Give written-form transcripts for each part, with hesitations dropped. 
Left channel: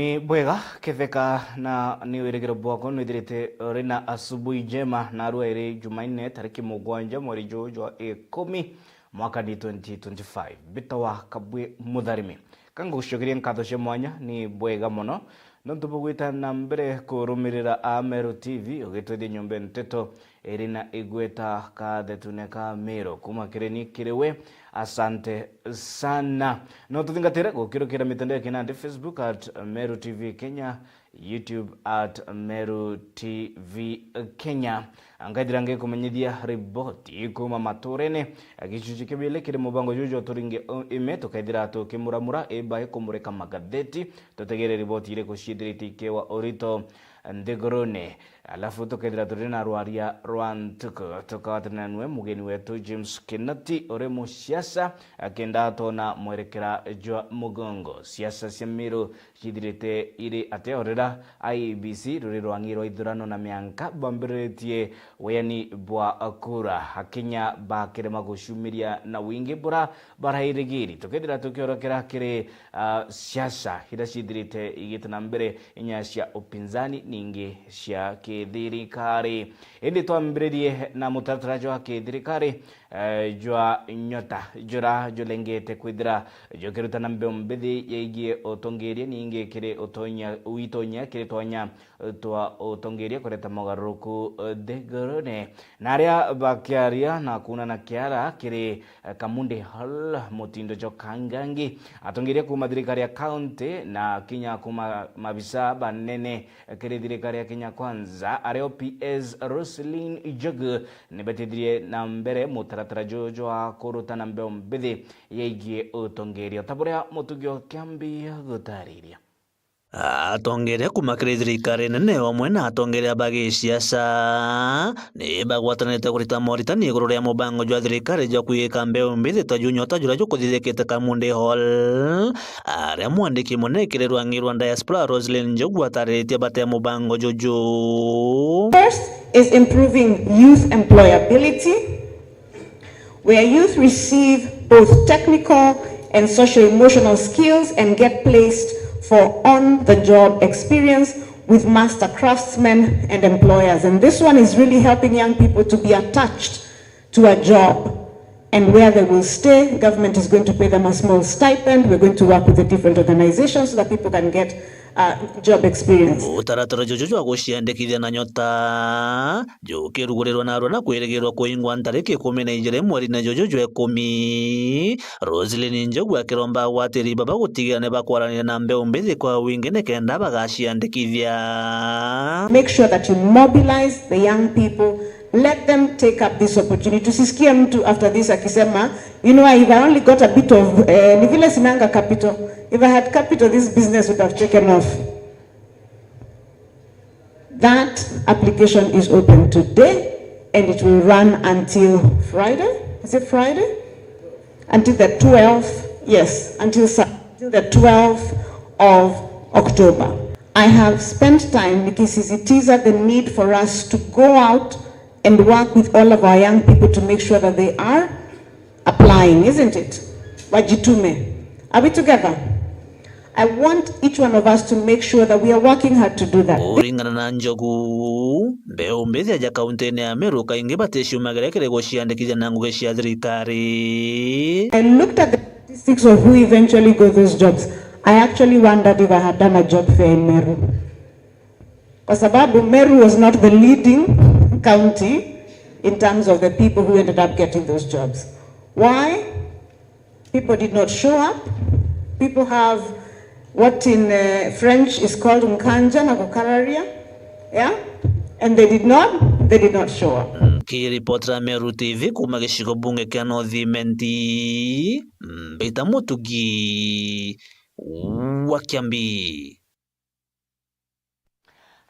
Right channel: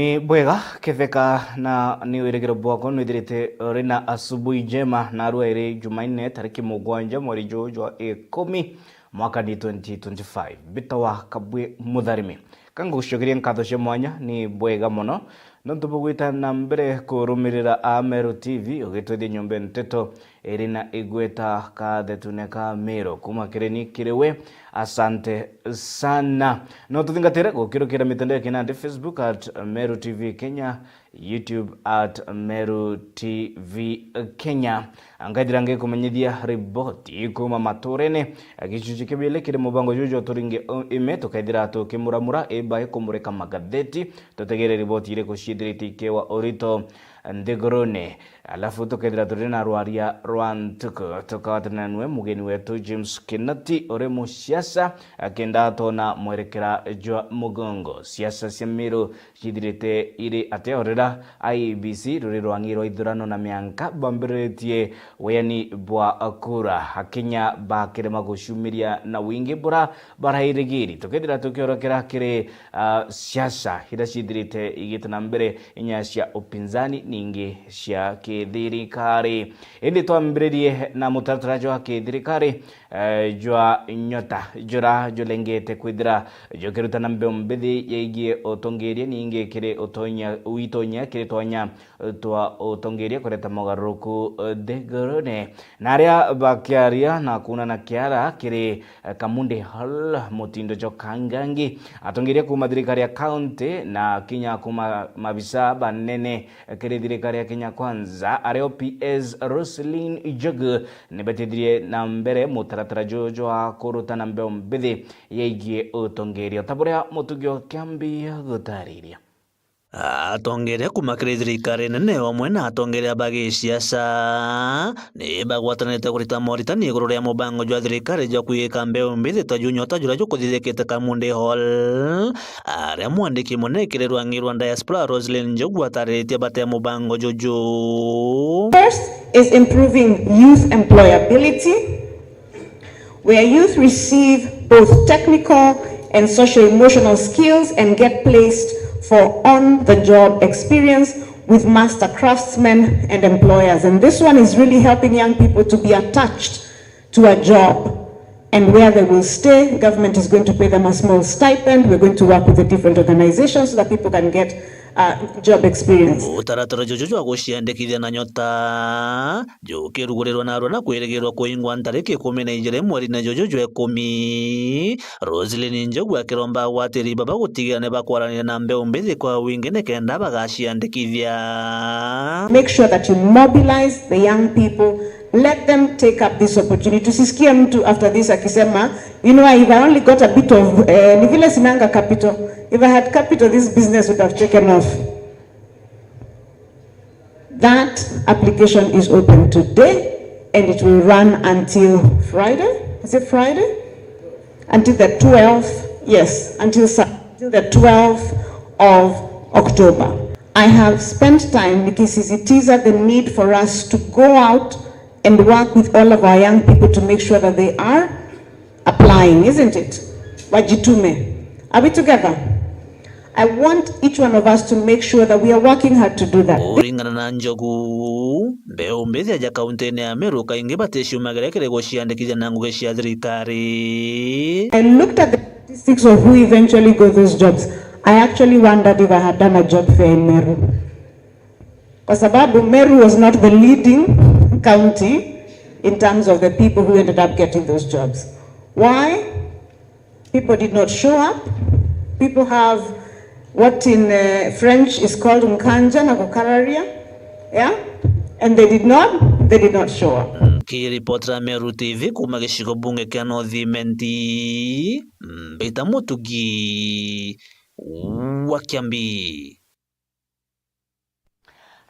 Ni bwega kefeka na ni wiregero bwako nwidirite rina asubuhi njema na arua iri Jumanne tariki mugwanja mweri jwa 10 mwaka ni 2025 bitawa kabwe mutharimi kango gushogeria nkatho cia mwanya ni bwega muno no tubugwita na mbere kurumirira Ameru TV ugitwithia nyumba nteto irina igweta kathetuneka miro kuma kireni kirewe. Asante sana. No tuthingatire gukirukira mitandao ya kinande Facebook at Meru TV Kenya, YouTube at Meru TV Kenya. Angadira nge kumenyithia riboti kuma maturene gicuci kibile kire mubango jujo turinge ime tukaithira tukimuramura eba kumureka magatheti tutegere riboti ile kushidriti kewa orito ndigorone alafu tukaithira turina rwaria rwantuko tukawatana nwe mugeni wetu James Kinati ore mu siasa akenda tona mwerekera jwa mugongo siasa semiro shidirite ire ateorera IBC ruri rwangiro ithurano na mianka bamberetie weyani bwa akura Kenya bakirema gushumiria na wingi bura barahirigiri tukaithira tukiorokera kire siasa hida shidirite igitana mbere inya cia upinzani ningi cia thirikari indi twambirie na mutataraji wa thirikari jwa nyota jura julengete kwithira jokirutana mbembethi yegie otongeria ninge kire otonya uitonya kire tonya twa otongeria kureta mogaruku degorone naria bakiaria na kuna na kiara kire kamunde hal mutindo jokangangi atongeria kuma thirikari ya county na Kenya kuma mabisa banene kire thirikari ya Kenya kwanza areo PS Roslyn Ijogu nebetidrie na mbere mutaratara jojo akurutana mbembethi yegie otongeria taburia mutugyo kiambia gutariria atongeria kumakire thirikari nene wamwe na atongeria bagi siasa ni bagwatanite kurita moritani iguru ria mubango jwa thirikari jwa kuika mbeu mbithi ta junyota jura jukuthithikite Kamunde Hall aria mwandiki munekire rwangirwa diaspora Roslyn Njogu ataritie bate mubango jojo. First is improving youth employability, where youth receive both technical and socio-emotional skills and get placed for on-the-job experience with master craftsmen and employers. And this one is really helping young people to be attached to a job. And where they will stay, government is going to pay them a small stipend. We're going to work with the different organizations so that people can get job experience. Utaratara jojo jwa guciandikithia na nyota jukirugurirwa na aruna kwirigirwa kuingwa ntariki 12 mweri na jojo jwa 10 Roslyn Njogu akiromba gwatiri baba gutigira ne bakwarania na mbeu mbithi kwa wingi ne kenda bagaciandikithia. Make sure that you mobilize the young people. Let them take up this opportunity. Tusisikie mtu after this akisema, you know, if I only got a bit of ni vile sinanga capital. If I had capital, this business would have taken off. That application is open today and it will run until Friday. Is it Friday? Until the 12th. Yes, until the 12th of October. I have spent time nikisisitiza the need for us to go out and work with all of our young people to make sure that they are applying, isn't it? Wajitume. Are we together? I want each one of us to make sure that we are working hard to do that. Uringana na Njogu mbeu mbithi aja kauntini ya Meru kaingi baticiumagire kire guciandikithia na ngugi cia thirikari. I looked at the statistics of who eventually got those jobs. I actually wondered if I had done a job fair in Meru. Kwa sababu Meru was not the leading county in terms of the people who ended up getting those jobs. Why? People did not show up. People have what in French is called unkanja na kukararia, yeah, and they did not show up. Kiripotera Meru TV kuma gicigo bunge kia North-Imenti Mbita Mutugi wa Kiambi.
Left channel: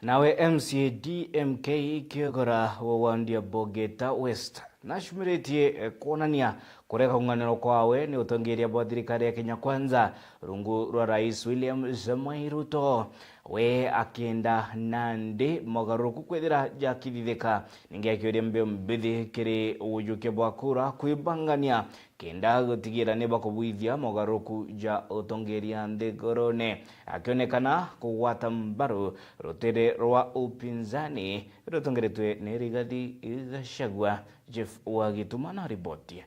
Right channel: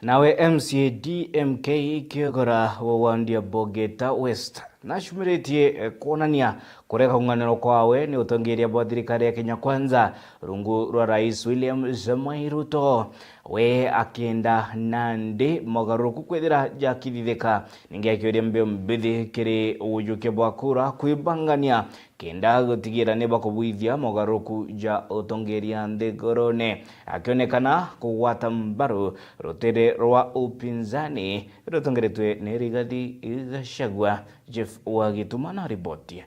Nawe MCA DMK kiogora wawandia Bogeta West nashumiretie kuonania kureka unganiro kwawe ni utongeria bwa thirikari ya Kenya kwanza rungu rwa Rais William Samoei Ruto we akenda nandi mogaruku kwithira jakithithika ningi akioria mbio mbithi kiri ujuke bwa kura kuibangania kenda gutigira neba kubuithia mogaruku ja utongeria nthigurune akionekana kugwata mbaru rutere rwa upinzani rutongeretwe ni Rigathi Gachagua. Jeff Wagituma na ripoti.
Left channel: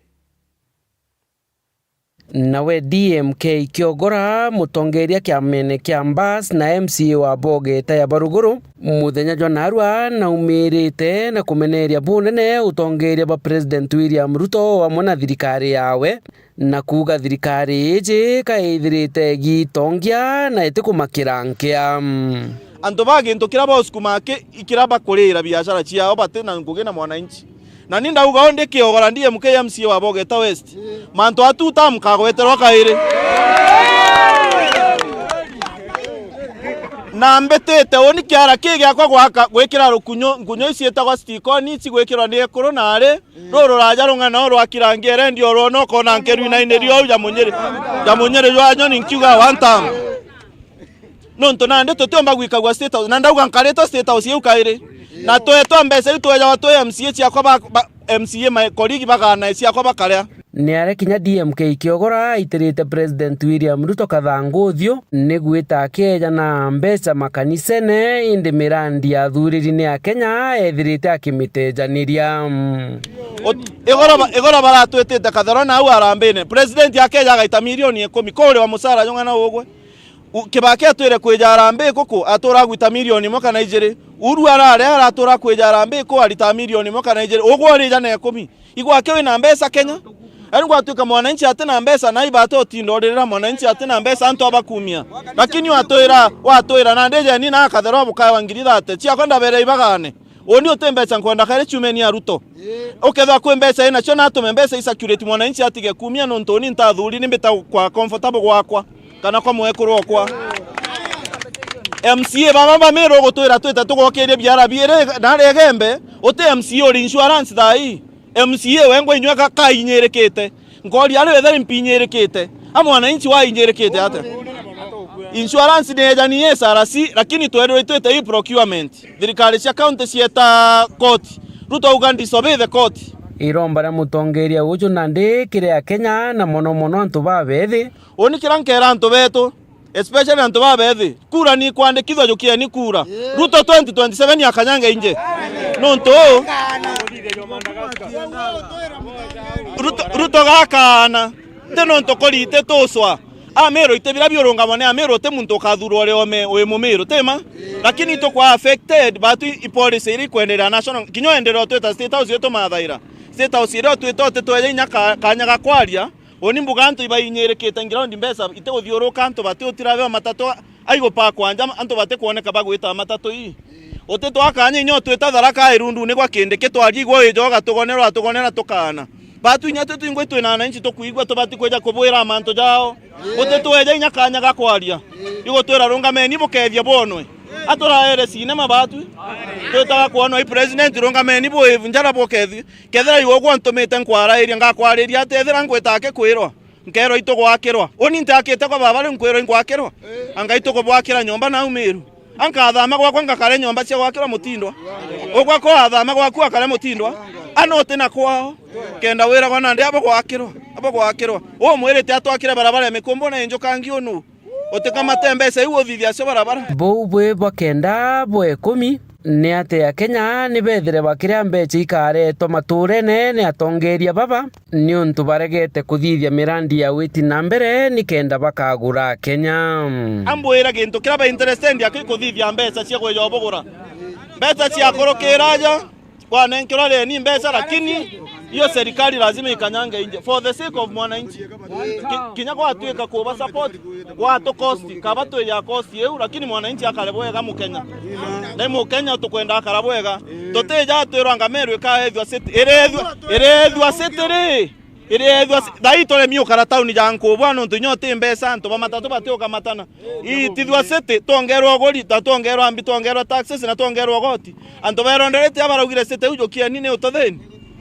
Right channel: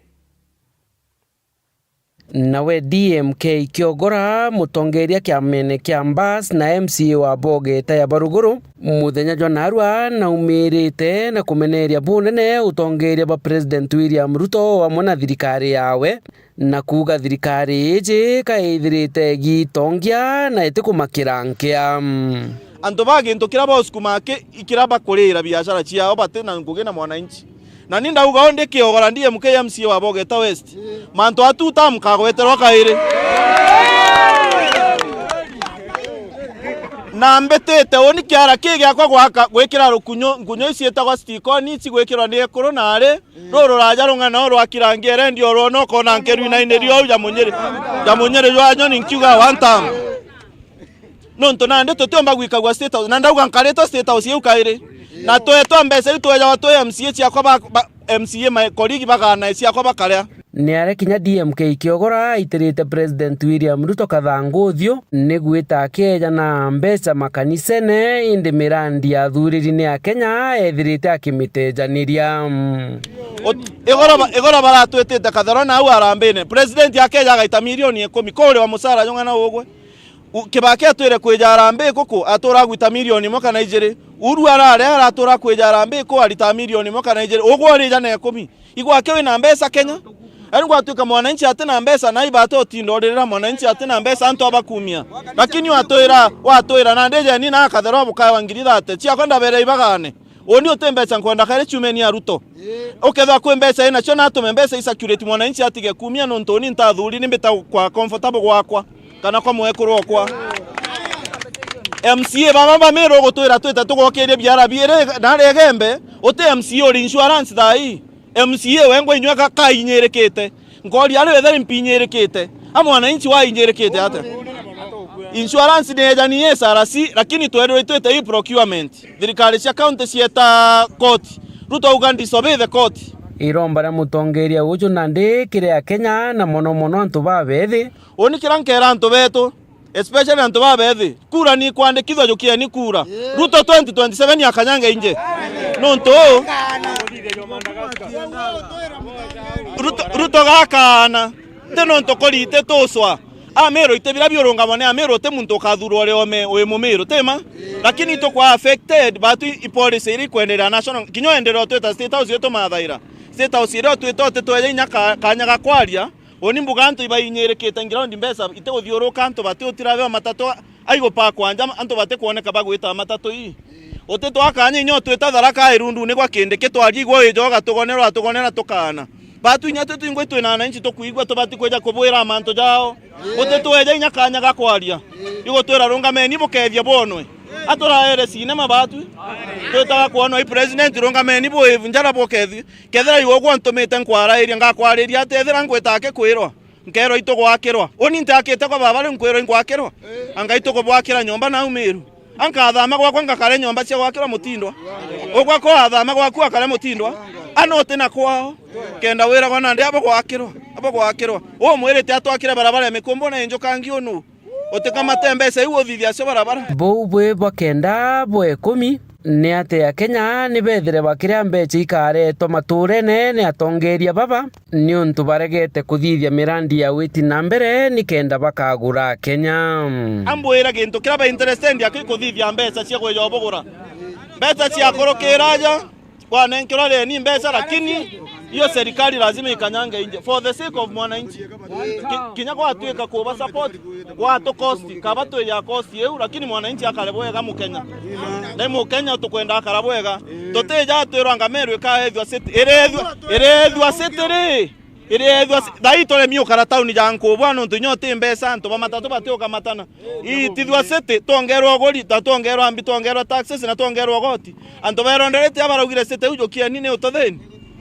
Nawe DMK Kiogora mutongeria kiamene kia Mbas na MCA wa Bogeta ya Baruguru muthenya jwa narua na umirite na kumeneria bunene utongeria ba President William Ruto wa mwana thirikari yawe na kuga thirikari iji kaithirite gitongia na itikumakira nkia anto baginto kiraba oskumake ikiraba kurira biashara ciao batena ngugena mwananchi na ninda uga onde Kiogora ndiye MCA wa Bogeta West manto atuta mukagweterwa kaire na mbetete oni kiara kige akwa gwaka gwekira rukunyo isieta kwa stiko ni cigwekirwa ni koronare roro raja rungana rwa kirangiere ndio rono kona nkeru ina inderio ya munyere jwa nyoni nkiuga one time nonto nande totomba gwikagwa state house nanda uga nkareto state house yukaire na toeto mbese tuweja watu MCA ciakwa MCA my colleague bagana ciakwa bakarya ni are kinya DMK Kiogora itirite President William Ruto kathanguthio ni gwita keja na mbeca makanisene indi mirandi ya thuriri-ini ya Kenya ethirite akimitejaniriya igora baratwetete kathero na au arambene President ya Kenya gaita milioni 10 kore wa musara yongana ugwe kibake atwire kweja arambe koko atora gwita milioni moka na ijere uru arare aratora kweja arambe ko alita milioni moka na ijere ugwo rija na 10 igwake wina mbeca Kenya ari gwatuika mwananchi atena mbeca na ibato otindorera mwananchi atena mbeca anto abakumia lakini watoira na ndeje ni na kathero buka wangirira ate cia kwenda bere ibagane oni otembeca nkwenda kare chumeni ya Ruto oketha kwe mbeca ina cio na atume mbeca isacurate mwananchi atige kumia no ntoni ntathuri ni mbita kwa comfortable gwakwa kana kwa mwekuru okwa MCA baba mero gutwira twita tugokerie biara biere na regembe ote MCA ori insurance thai MCA wengo inyweka kainyerekete ngori ari wethe mpinyerekete amwananchi wa inyerekete ate insurance neja ni SRC lakini twero twete hii procurement thirikari cia county cieta court Ruto ugandi sobe the court iromba na mutongeria uju nandi kiria Kenya na mono antu babethi oni kirankera antu betu especially antu babethi kura ni kwandikithwa jukia ni kura Ruto 2027 yakanyanga inje nonto Ruto gakana nonto korite toswa amero itebira byorunga mone amero te muntu kathuru ore ome we mumiro tema lakini to kwa affected batu ipolice iri kwendera national kinyoendera tweta state house yeto mathaira state house iro twitote tweye nyaka kanyaga kwaria oni mbuga antu ibainyerekete ngirondi mbesa iteguthiuruka antu bati utirabe matatu aigo pa kwanja antu bati kuoneka bagwita matatu ii ote twakanya inyo tweta tharaka irundu ni kwa kinde kitwarigwo ijoga tugonera tukana batu inyate tuingwe twina na inchi tukuigwa tubati kweja kubwira manto jao ote tweja inyakanya gakwaria igo twira rungameni bukethia bonwe atora ere sinema batu tweta kuona i president rungameni bo njara bokethi kethera igo gwantumite nkwara iria ngakwariria atethera ngwetake kwirwa nkero ito gwakirwa oni ntakite kwa baba nkwirwa ngwakirwa anga ito gwakira nyomba na umiru anka athama gwakwa ngakare nyomba cia gwakira mutindwa ogwa ko athama gwakwa akare mutindwa anote na kwao kenda wira gwana ndi abo gwakirwa o mwirite atwakire barabara mikombo na enjoka ngionu otekama tembesa iwo thithia cio barabara bo bwe bakenda bwe 10 ni ate ya Kenya ni bethere bakiria mbeca ikaretwo maturene ni atongeria baba ni untu baregete kuthithia mirandi ya witi na mbere ni kenda bakagura Kenya ambwira gintu kiraba interested ya kuthithia mbeca cia gweja obogora mbeca cia korokeraja wanenkira le ni mbeca lakini hiyo serikali lazima ikanyange nje for the sake of mwananchi kinya kwa tueka kuba support kwa to cost kabato ya cost yeu lakini mwananchi akalebwega mu Kenya na mu Kenya tukwenda akalebwega toteja twiranga merwe ka ethwa city erethwa city ithwa daitole mio karatauni janko bwana ntunyote mbesa nto bamatatu batioka matana itithwa city tongerwa goli tatongerwa ambi tongerwa taxes na tongerwa goti anto beronderete abarugire city ujokia nini utotheni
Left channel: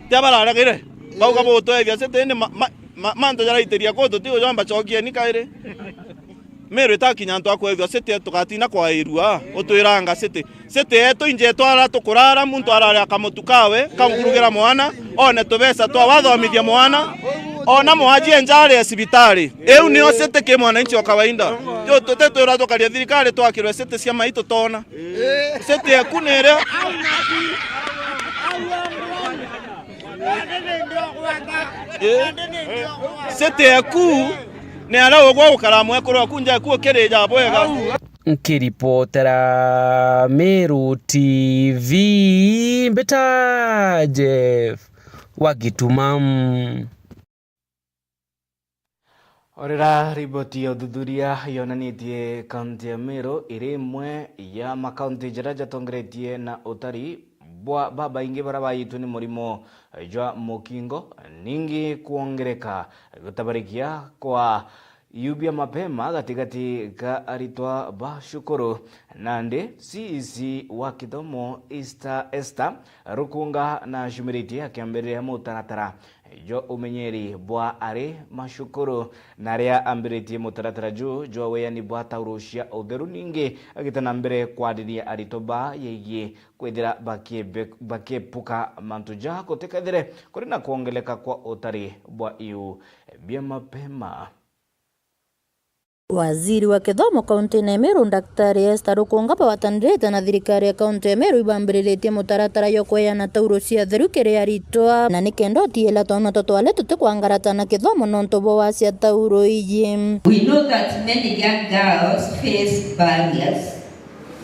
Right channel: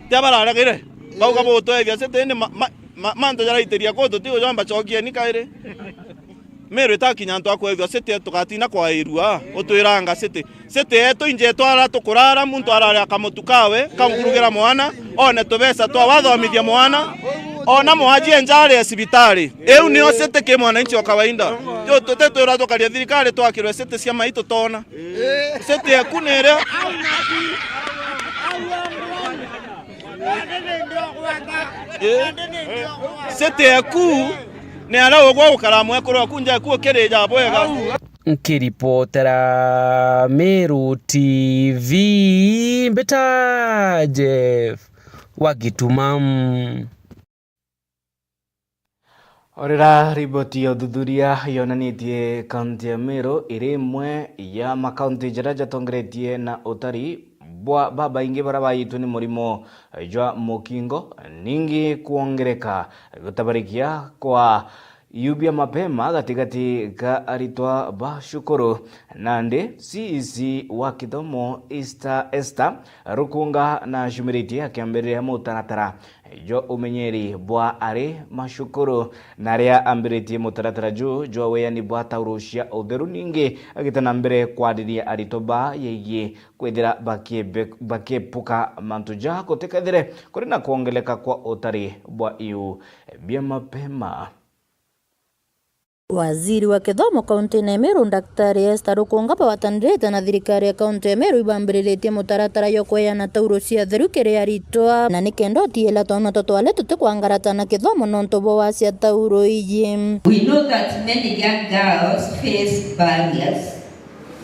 tiabararagire bauga boto ethwa city ni manto jara iteria koto tio jamba chokia ni kaire mero itakinya nto akwethwa city tukatina kwa irua utwiranga city eto inje twara tukurara muntu arare akamutukawe kamkurugira mwana one tubesa twa wathomithia mwana ona mwajie njare ya sibitari eu ni osete ke mwananchi wa kawaida yo toteto rato kalia thirikari twakirwe sete cia maito tona sete ya kunere sete ya ku ne ara gwa ukaramu ekorwa kunja ku kereja bwega. Nkiripotera Meru TV Mbeta Jeff Wagitumam. Orera riboti ya udhudhuria yonanitie kaunti ya Meru iri imwe ya makaunti jara jatongeretie na utari bwa baba ingi bara bayitu ni murimo jwa mukingo ningi kuongereka gutabarikia kwa yubia mapema gatigati ka aritwa bashukuru nande CEC wa kithomo Esther Rukunga na shumiriti akiambiria mutaratara jo umenyeri bwa ari mashukuru naria ambiriti mutaratara jo weyani bwa taurushia utheru ningi agitana mbere kwadiria aritoba yeye kwethira bakepuka mantuja kutekethire kuri na kuongeleka kwa utari bwa iu bia mapema. Waziri wa kithomo kaunti ya Meru Daktari Esther Rukunga bawatanirite na thirikari ya kaunti ya Meru ibambiritie mutaratara yo kweana tauro cia theru kiri aritwa na nikendo tiela twana totwale tutikwangarata na kithomo nonto bo wacia tauro iyi. We know that many young girls face barriers,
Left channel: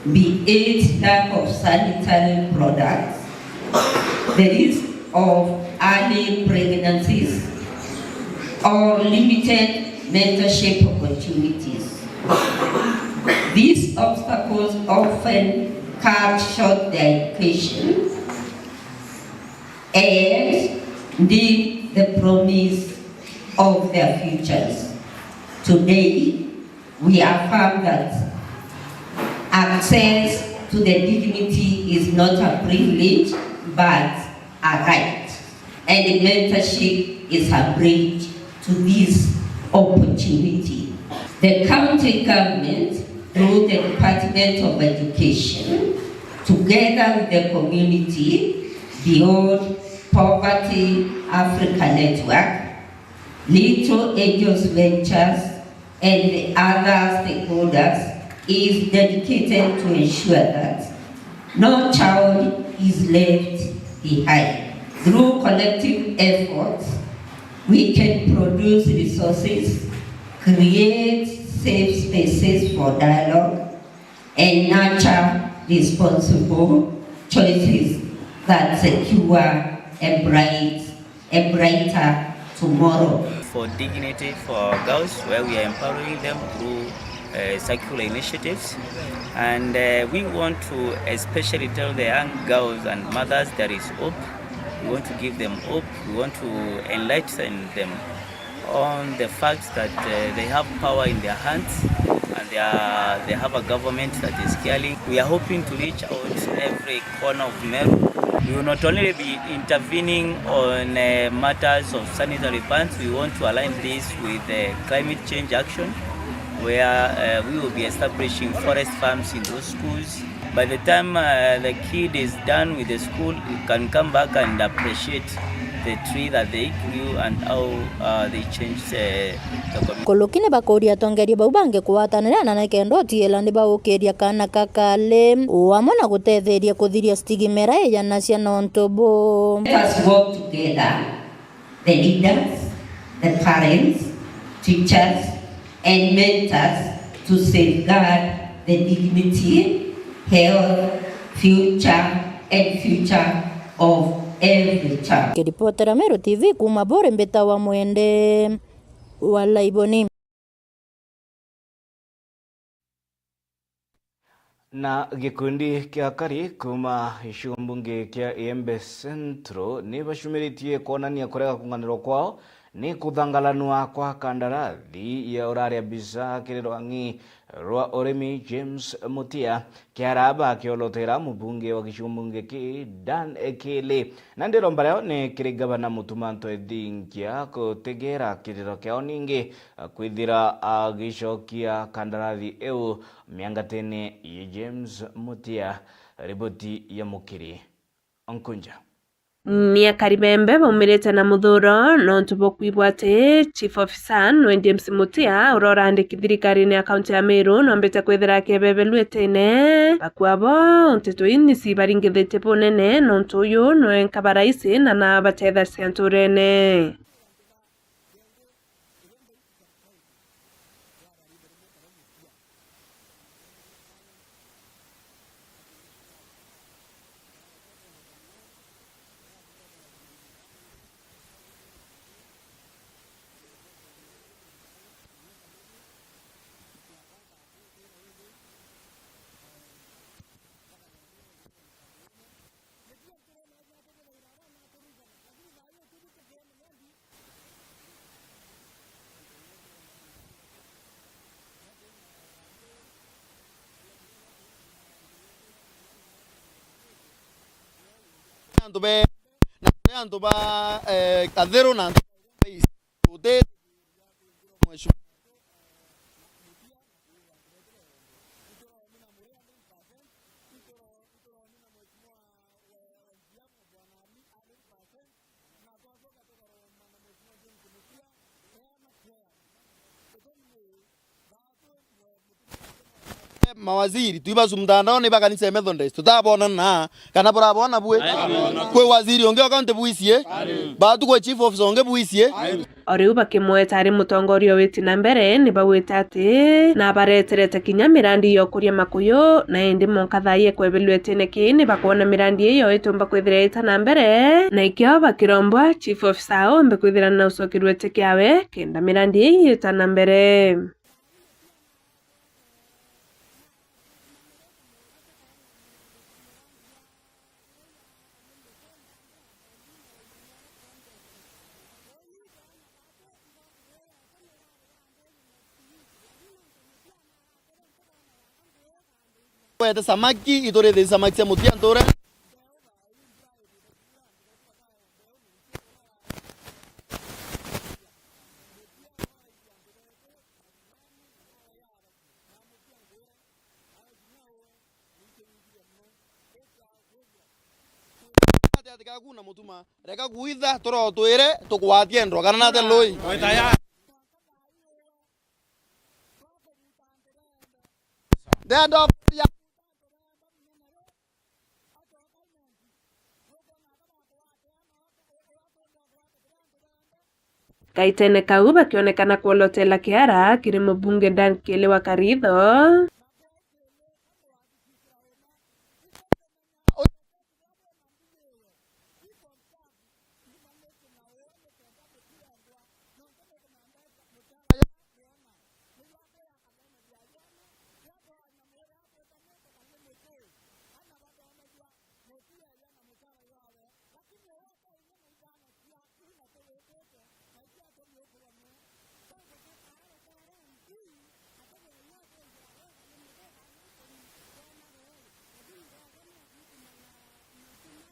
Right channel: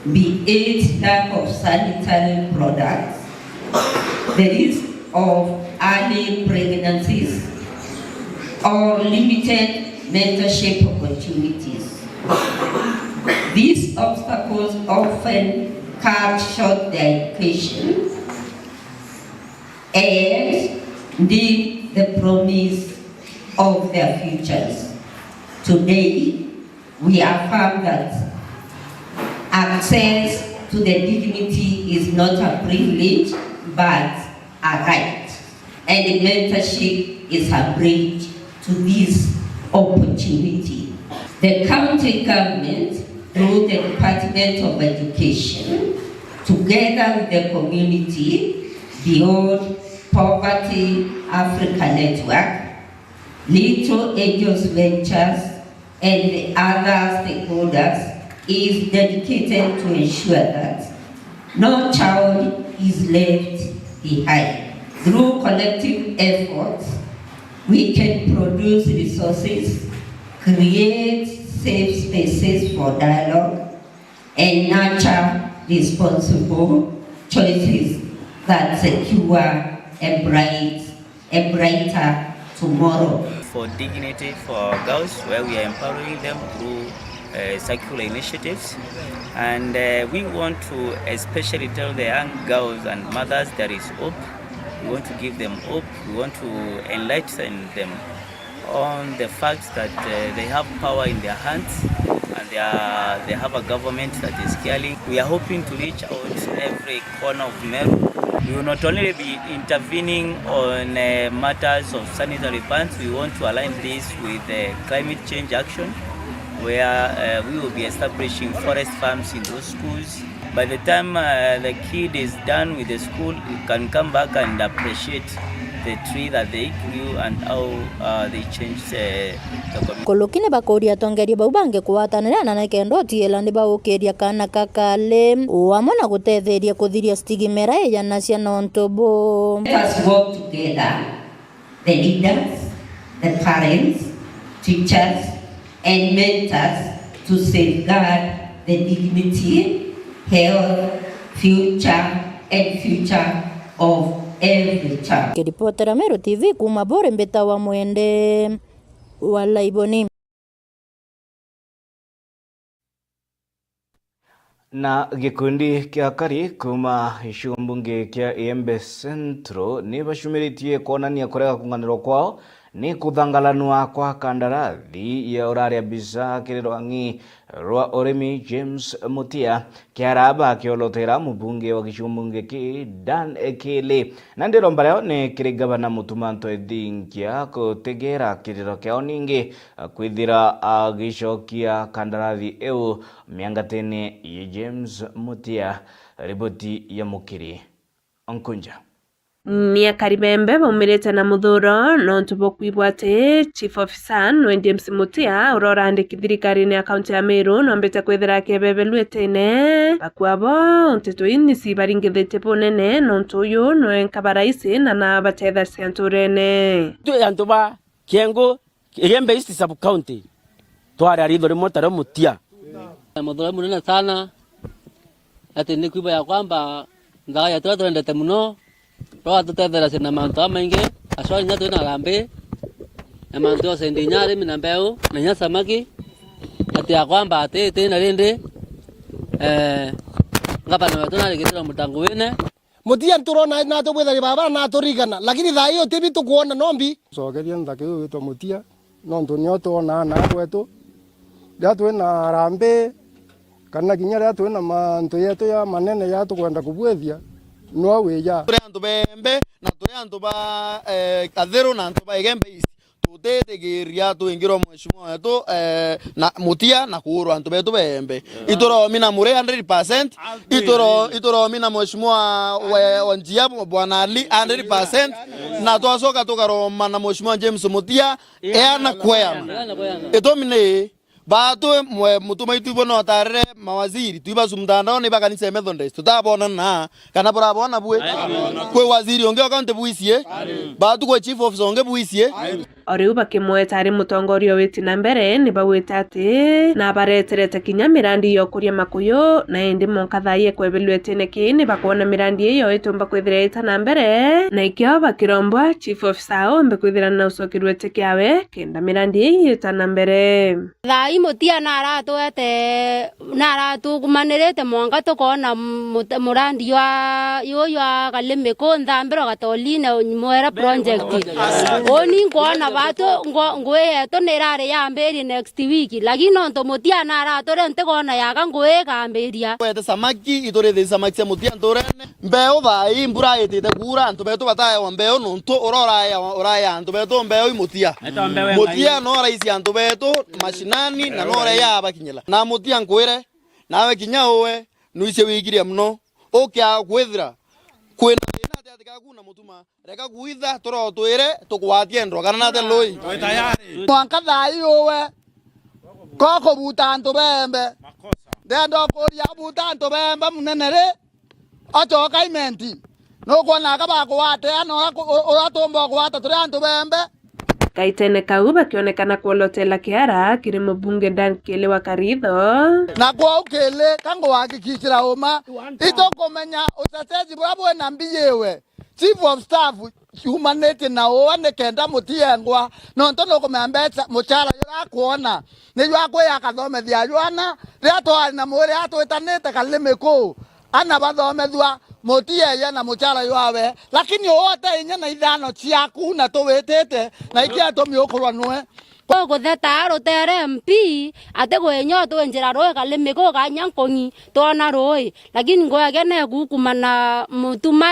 be it lack of sanitary products, the risk of early pregnancies, or limited mentorship opportunities. These obstacles often cut short their education and dim the promise of their futures. Today, we affirm that access to the dignity is not a privilege but a right, and mentorship is a bridge to this opportunity. The county government, through the Department of Education, together with the community, Beyond Poverty Africa Network, Little Angels Ventures, and the other stakeholders, is dedicated to ensure that no child is left behind. Through collective efforts, we can produce resources, create safe spaces for dialogue, and nurture responsible choices that secure a brighter tomorrow. For dignity for girls, where we are empowering them through circular initiatives, and we want to especially tell the young girls and mothers there is hope. We want to give them hope. We want to enlighten them on the fact that they have power in their hands and they have a government that is caring. We are hoping to reach out every corner of Meru. We will not only be intervening on matters of sanitary funds. We want to align this with climate change action, where we will be establishing forest farms in those schools. By the time the kid is done with the school, he can come back and appreciate the tree that they grew and how they changed the community. Kolokine bakoria tongeria baubange kuwatanira na nekendo tiela ni baukeria kana kakale uamona gutetheria kuthiria stigimera ya nacia nontobo. Let us work together, the leaders, the parents, teachers, and mentors, to safeguard the dignity, health, future of every child. Kiripotera Meru TV kuma Bore Mbeta wa Mwende Walaiboni. Na gikundi kia kari kuma ishumbunge kia Embe Centro ni bashumiritie kuonania kurega kunganiro kwao ni kuthangalanwa kwa kandarathi ya uraria bisa kirirwangi rwa oremi James Mutia kiaraba kiolotera mubunge wa kishumbunge ki Dan Ekele na ndiro mbareo ni kiri gavana Mutumanto Edinkia kutegera kiriro kiao ningi kwithira agishokia kandarathi eu miangatene ya James Mutia. Ripoti ya Mukiri Onkunja. ni akaribembe baumirite na muthuro no ntubo kwibwate chief officer no James Mutia urorandiki thirikari-ini ya kaunti ya Meru no mbite kwithira kebebe lwetene bakwabo nteto ini si baringithite bunene no ntuyu no enkabaraisi na batetha cianturene tu antu ba Kiengo Igembe East sub county twari aritho rimwe tare Mutia muthuro munene sana ati ni kuiba ya kwamba ndaga ya twendete muno roa tutethera cina mantu maingi aswali nya twina rambe na mantu yose ndi nyari mina mbeu na nya samaki ati ya kwamba ati na rindi ngapa na tuna rigitira mutangu wene Mutia nturona na tubwethari baba na turigana lakini thaa iyo tibi tukuona nombi cokeria nthaki uyu witwa Mutia no ntunio tuona na kwetu ria twina rambe kana kinya ria twina mantu yetu ya manene ya tukwenda kubwethia no wiya turi antu bembe na turi antu ba Kathero na antu ba Igembe East tutetigiria tuingirwo mheshimiwa wetu na Mutia na kuurwa antu betu bembe itoro mina mure 100% itoro mina mheshimiwa wa Njia bwana Ali 100% na twacoka tukaroma na mheshimiwa James Mutia na kweyana itomine batu mutuma itu bono tarere mawaziri tuiba sumtandao ni baka nise Methodist tutabona na kana borabona bwe kwe waziri onge account buisie batu kwe chief officer onge buisie oriu bakimweta ari mutongoria witi na mbere ni bawita ati na bareterete kinya mirandi yo kuria makuyu na indi monkathaie kwebelwetene kini bakona mirandi iyo itumba kwithira ita na mbere na ikio bakirombwa chief officer ombe kwithira na usokirwete kiawe kenda mirandi iyo ita na mbere thai Mutia na aratukumanirite mwanga tukona murandi wa yoyo akalime ko nthambiro gatoline mwera project oni ngona batu ngwe to nerare yamberi next week lakini nto Mutia na aratore ntekona yaga ngwe gamberia wete samaki itore the samaki cia Mutia ntore mbeo thai mbura itite kura nto betu bataya wa mbeo nto oraya nto betu mbeo Mutia no raisi nto betu mashinani na nore ya bakinyela na Mutia nkwire nawe kinya uwe nuice wigiria muno ukya kwithira kwina thina atika kuna mutuma reka kuitha toro twire tukwatie ndro kana nate loi tayari mwanka thai uwe koko buta nto bembe ndendo kuria buta nto bembe munenere achoka imenti no kwana kaba kwate ano uratomba kwata turi nto bembe kaitene kau bakionekana kuolotela kiara kiri mbunge Dan Kele wa Karitho na kwa ukele kango hakikishira uma ito komenya utatezi bwabwe na mbiyewe chief of staff humanity na oane kenda Mutiengwa no ntono komembetsa muchara yo akuona ni yo akwe akathomethia yona ria twari na mwire atwitanite kalime ku ana bathomethwa Mutia na muchara yawe lakini wote inya na ithano ciaku na tuwitite na ikia tumiukurwa nwe ko theta rotere MP ate gwenyo to njira roe kalime ko kanyankongi tona roe lakini ngoya ne gukumana mutuma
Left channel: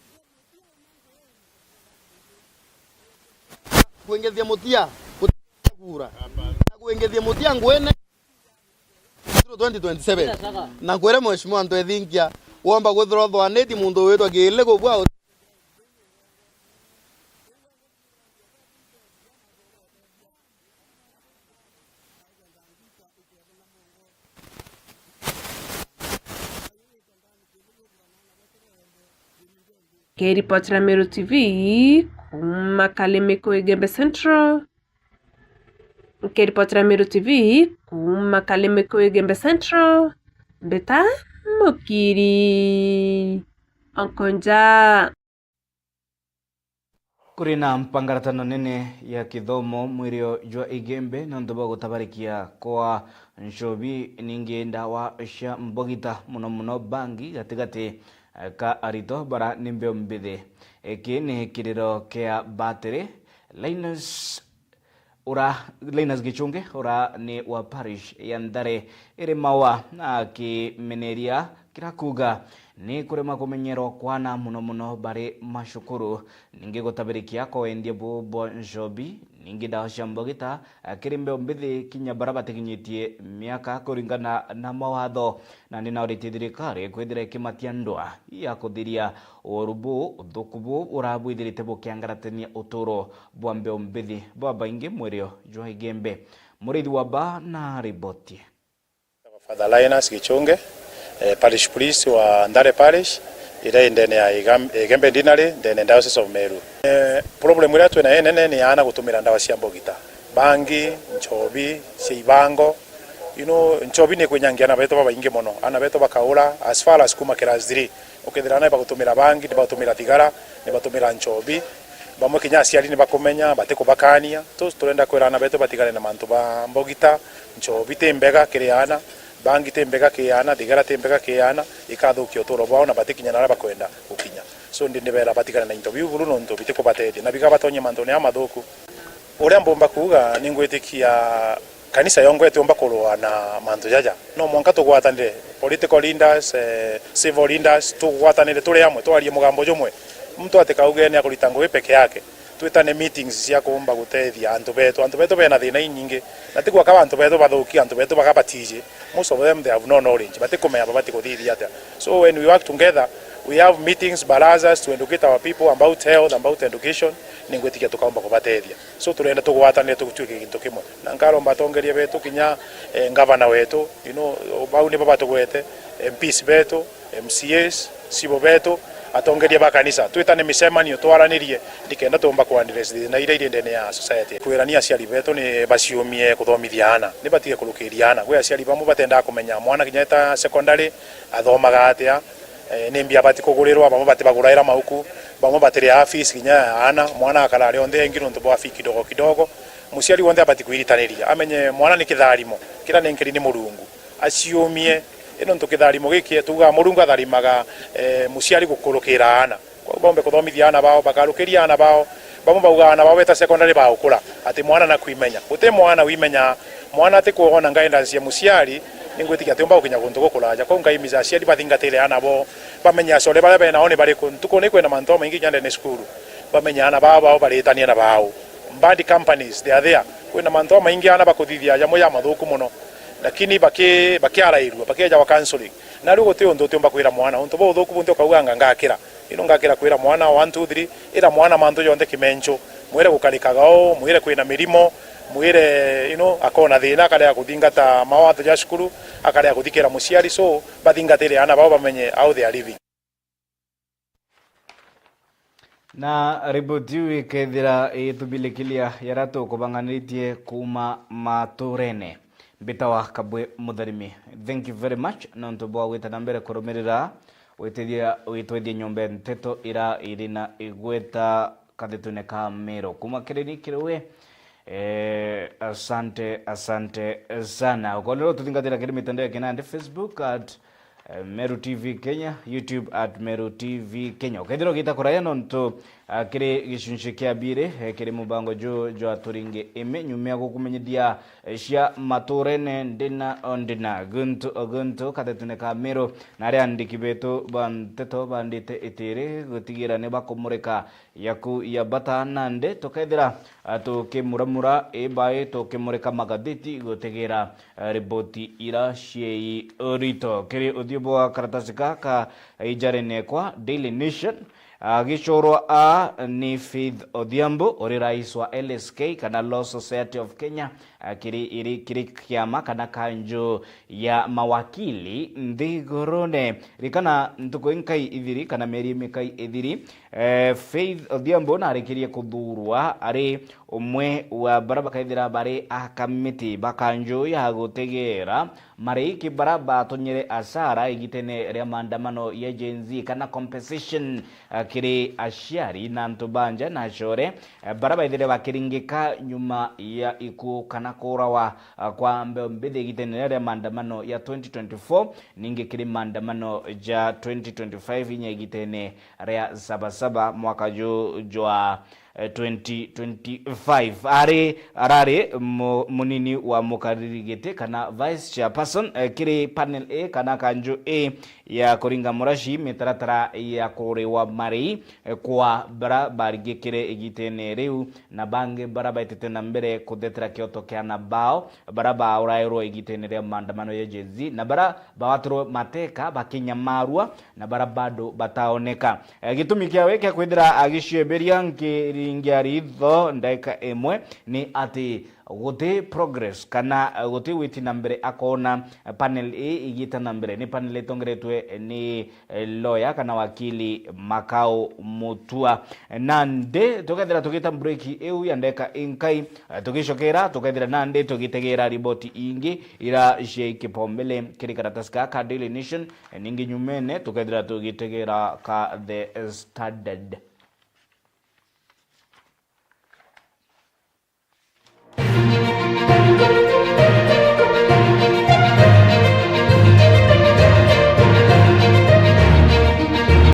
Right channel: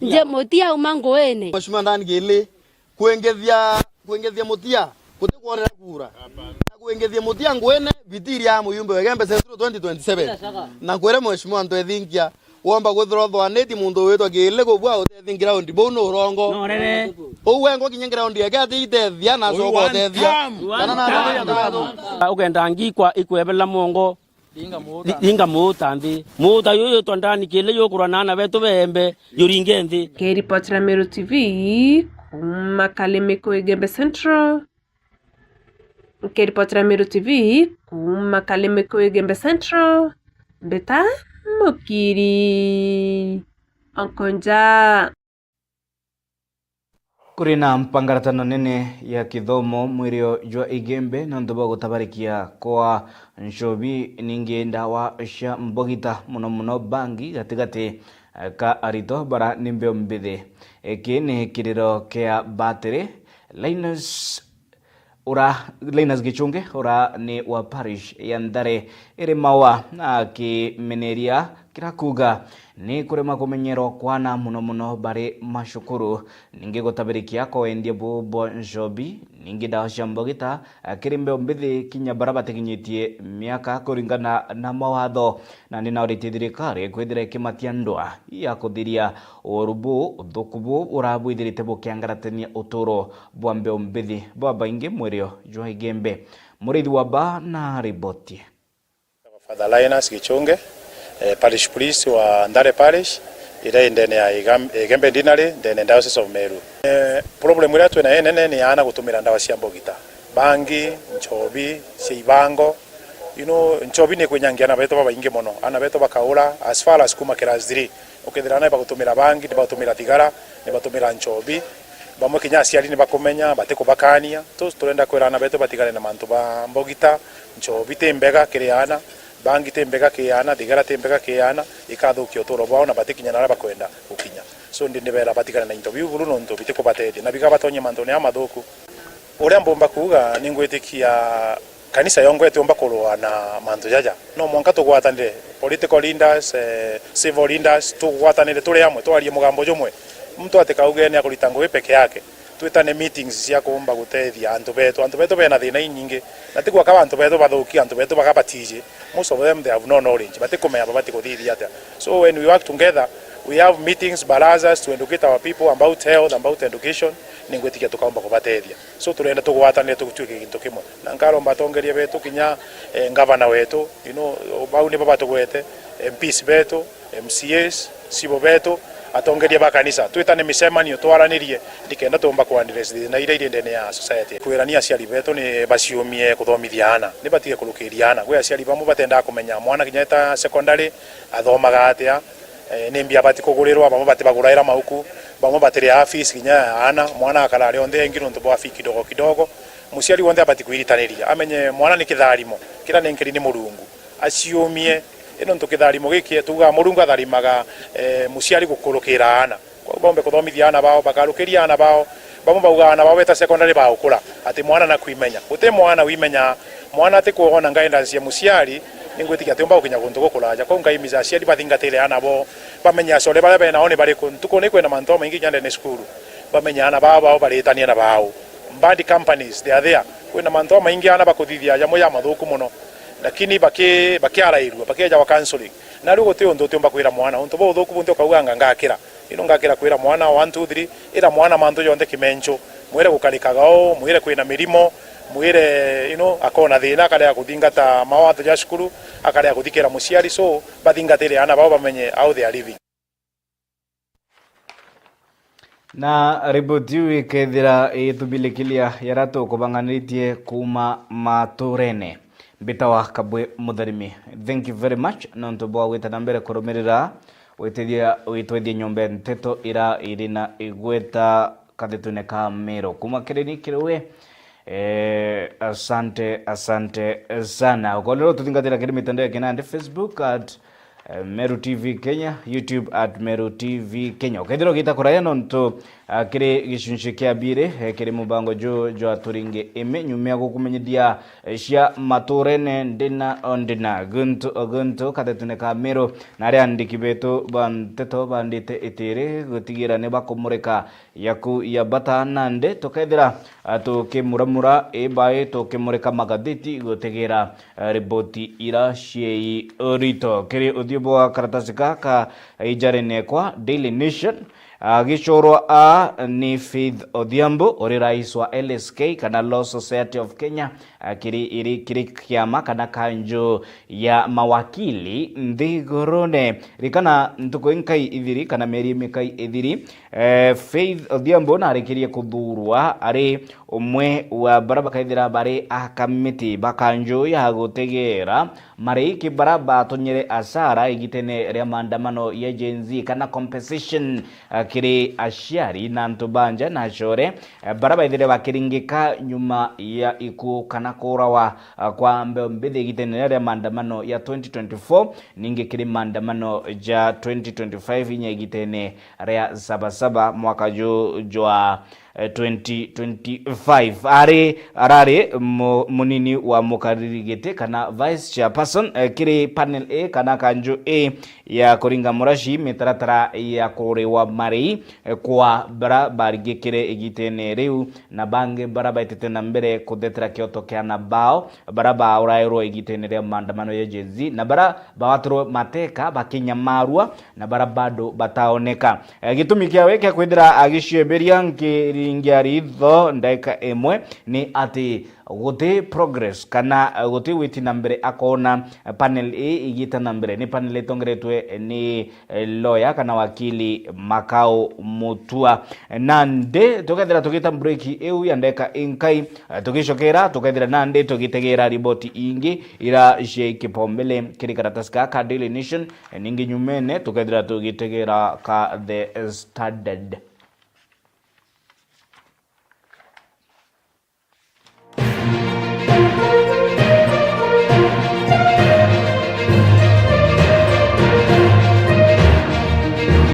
je Mutia umangoene mheshimiwa ndani gele kuengethia Mutia kutikuonera kura na kuengethia Mutia ngwene vitiri ya muyumbe wegembe Central 2027 na kwere mheshimiwa ndo ethingia womba guthrothwa neti mundu witwa gile kubwa utethingira undi bono urongo uwe ngo kinyengera undi ake atithia na coko tethia kana na ugenda ngikwa ikwebela mongo inga mutambi muta yoyo tondani kile yokurwa nana betu bembe yuringe nthi K-Report la Meru TV Makaleme ko Igembe Central K-Report la Meru TV Makaleme ko Igembe Central Beta Mukiri Onkonja kuri na mpangaratano nene ya kithomo mwirio jwa Igembe na ndoba gutabarikia kwa nshobi ningenda wa sha mbogita muno bangi gatigate ka arito bara nimbe mbithe ekene kiriro kia battery Linus Gichunge ora ni wa parish ya Ndare ere mawa na kimeneria kirakuga ni kurema kumenyero kwana muno bare mashukuru ninge gotabirikia ko endie bubo njobi ningi dawa cia mbogita kiri mbeu mbithi kinya baraba tekinyitie miaka kuringana na mawatho na ninaurite thirikari kwithira ikimatia ndwa ya kuthiria urubu uthukubu urabwithirite bukiangaratania uturo bwa mbeu mbithi bwa baingi mwirio jwa igembe murithi wa ba na riboti. Father Linus Gichunge, Parish Police wa Ndare Parish, ira ndene ya Igembe Dinari, ndene Diocese of Meru. Problem ira twena enene ni ana gutumira ndawa cia mbogita. Bangi, nchobi, ciibango. Nchobi ni kwenyangia na beto baba inge mono. Ana beto bakaula as far as kuma class 3. Ukithira na bagutumira bangi, ni bagutumira thigara, ni bagutumira nchobi. Bamwe kinya aciari ni bakumenya bateko bakania. Turenda kwira ana beto batigane na mantu ba mbogita, nchobi tembega kiriana. Bangi tembega kiana, thigara tembega kiana, ikathukia uturo bwao na batikinya na bakwenda gukinya. So ndibera batigana na interview bulu no nto biteko batete na biga batonye mantone amathuku. Uria mbomba kuga ningwitikia kanisa yongo yetu omba kulwa na mantu jaja. No mwanka tugwatanire political leaders, civil leaders tugwatanire tuli amwe twarie mugambo jumwe. Mtu atikauge ni akulitango peke yake. Twitane meetings cia kumba gutethia antu betu bena thina nyingi na tikwa ka antu betu bathuki antu betu bakabatije. Most of them they have no knowledge but tikumenya babati kuthithia ata. So when we work together we have meetings barazas to educate our people about health, about education ningwetikia tukaomba kubatethia. So turenda tugwatanire tugutwike kintu kimwe na nkaromba tongerie betu kinya governor wetu bau ni baba tugwete MPs betu MCAs sibo betu atongerie bakanisa twitane micemanio twaranirie ndikenda tumba kuandires na ire ndene ya society kwirania aciari betu ni baciumie kuthomithia ana ni batige kurukiria ana gwe aciari bamwe batenda kumenya mwana kinyeta secondary athomaga atia ni mbia bati kugurirwa bamwe bati baguraira mahuku bamwe batiri afisi kinya ana mwana akarari onthe ngiro ntubo afiki kidogo kidogo muciari wonde abati kuiritaniria amenye mwana ni kitharimo kira ni nkiri ni murungu aciumie ino ntukitharimo giki tuga murungu atharimaga muciari gukurukira ana kwa bombe kuthomithia ana bao bakarukiria ana bao bamwe bauga ana bao beta secondary bao kula ati mwana na kuimenya uti mwana wimenya mwana ati kuona guidance ya muciari ningwetikia ati omba ukinya guntu gukuraja kwa ngaimiza aciari bathingatire ana bo bamenya core bare bena oni bari kuntuko ni kwena manto maingi nyande ne skulu bamenya ana bao baritania na bao bad companies they are there kwena manto maingi ana bakuthithia ya moya mathuku muno lakini bakiarairwa bakiaja wa counseling na rugo te ondo temba kwira mwana onto bo thuku bunto kauga ngakira ino ngakira kwira mwana 1 2 3 ira mwana manto yonde kimencho mwire gukarikagao mwire kwina mirimo mwire akona thina akare ya kuthingata mawatho ya cukuru akare ya kuthikira muciari so bathingatire ana bao bamenye how they are living. Na riboti wikethira itubilikilia yarato kubanganitie kuma maturene bitawa kabwe mutharimi. Thank you very much nonto bwa wetana mbere kurumirira witethia nyombe nteto ira irina igweta kathitune ka Meru kuma kireni kiriwe asante sana ukolero tuthingatira kiri mitandao kinande Facebook at Meru TV Kenya, YouTube at Meru TV Kenya. Ukethiro kita kuraya nonto kiri gicunci kia bire kiri mubango jo aturinge eme nyumia gukumenyedia cia maturene ndina gunto kathitune ka Meru na ria andiki betu banteto bandite itire gutigira ne bakumureka yaku ya bata nande tukethira tukimuramura ebae tukimureka magatheti gutegera riboti ira ciei rito kiri uthibo wa karatasi kaka ijarene kwa Daily Nation gichorwa ni Faith Odhiambo ori rais wa LSK kana Law Society of Kenya kiri kiama kana kanjo ya mawakili nthigurune rikana ntuko inkai ithiri kana meri mikai ithiri Faith Odhiambo na arikirie kuthurwa ari umwe wa baraba kaithira bari akamiti bakanjo ya gutegera mari kibaraba tonyere asara igitene ria maandamano ya Gen Z kana compensation kiri aciari na ntubanja na core baraba ithire bakiringika nyuma ya iku kana kurawa kwa mbithi igitene ria maandamano ya 2024 ninge kiri maandamano ja 2025 inya igitene ria sabasaba mwaka jwa 2025 arari munini wa mukaririgite kana vice chairperson kiri panel A kana kanjo A ya kuringa murashi mitaratara ya kurewa marei kwa bara barigikire igitene riu na bange bara baitete na mbere kudetera kioto kia na bao bara ba urairo igitene ria maandamano ya Gen Z na bara bawatro mateka bakinyamarua na bara bado bataoneka gitumi kiawe kia kwendera agicieberia ngiringia ritho ndaika emwe ni ati gote progress kana gote witi nambere akona panel A igita nambere ni panel etongeretwe ni lawyer kana wakili Makao Mutua nande tokethera tugita break eu yandeka inkai tugicokera tukethera nande tugitegera riboti ingi ira je kipombele kiri karataska ka Daily Nation ningi nyumene tukethera tugitegera ka The Standard.